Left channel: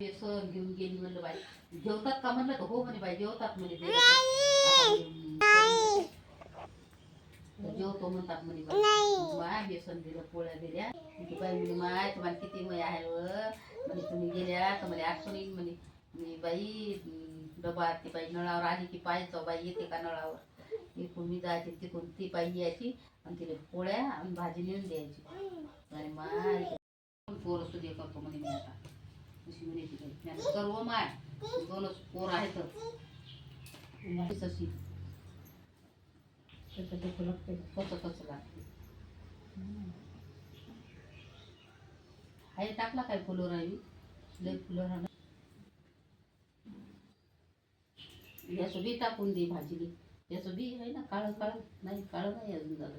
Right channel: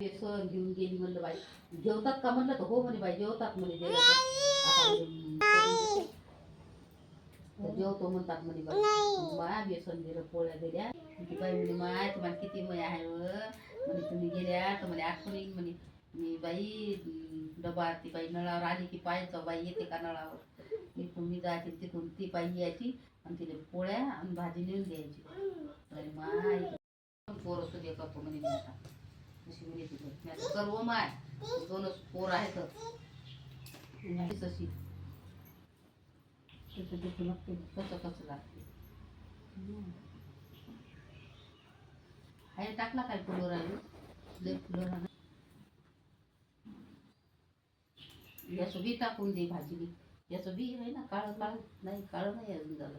बेसन घेऊन गेली म्हणलं बाई. जेवतात का म्हणलं तर हो म्हणे बाई जेवतात म्हणे जेवतो म्हणतात म्हणे बाई. माय बेसन दिलं पोळ्या दिल्या ती बाई म्हणे माय तुम्हाला किती मय आहे म्हणे तुम्ही गेल्या तर म्हणे आठवण येईल म्हणे. मी बाई डबा ती बाई नळावर आली की पाहायचं बाई येते का नळावर? इकडून मी जायची तिकडून ती बाई यायची आणि तिला पोळ्या आणि भाजी नेऊन द्यायची. अरे माय पोर तुझे करतो म्हणे मी आता अशी म्हणे सर्व माय दोनच पोर आहेत. तशी कसं कसं लागते हाय टाकला काय फुलोरा लय फुलोरा याचं बी टाकून दे भाजीली. याचं बी आहे ना काळं काळं. नाही काळं नाही अजून झालं.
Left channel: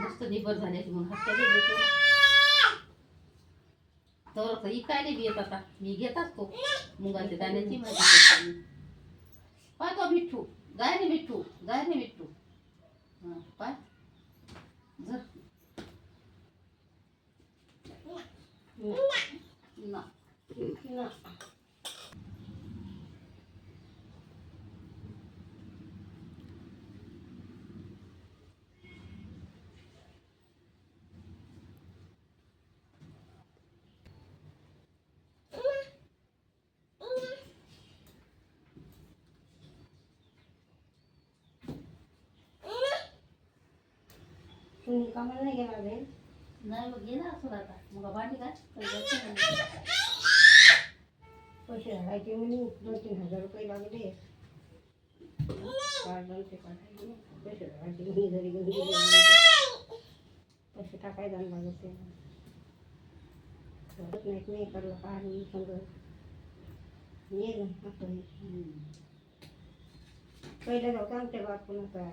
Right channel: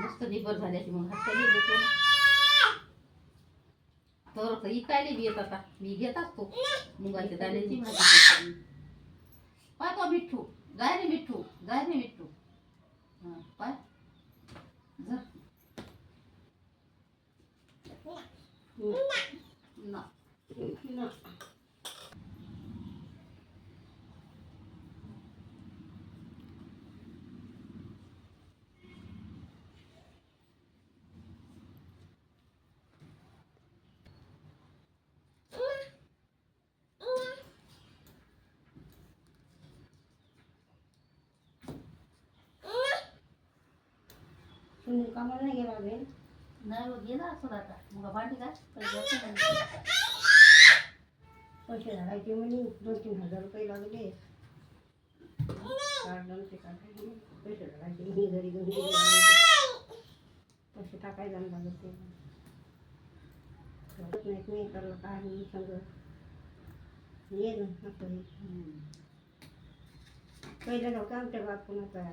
मस्त निबर झाल्याची मग ना तर इकायला बी येत आता? मी घेत असतो. मुगाच्या दाण्याची भाजी. पाय तो मिठ्ठू. जाय रे मिठ्ठू. जाय रे मिठ्ठू. हा पाय जर. ना. ना. तुम्ही कामाला नाही गेला नाही मग गेला असं आता मग भांडी. पैसे घालायचे म्हणे दोन तीन हजार रुपये लागले कार्डांचे काढायचे पैसे घालायचे म्हणे घरी घेऊन गेले आम्ही ते. पैसे टाकायला लागत ते करत नाहीत नाही करलं काय नाही संग. हम्म. पहिले नव्हतं आमच्या बाप कोणाचा.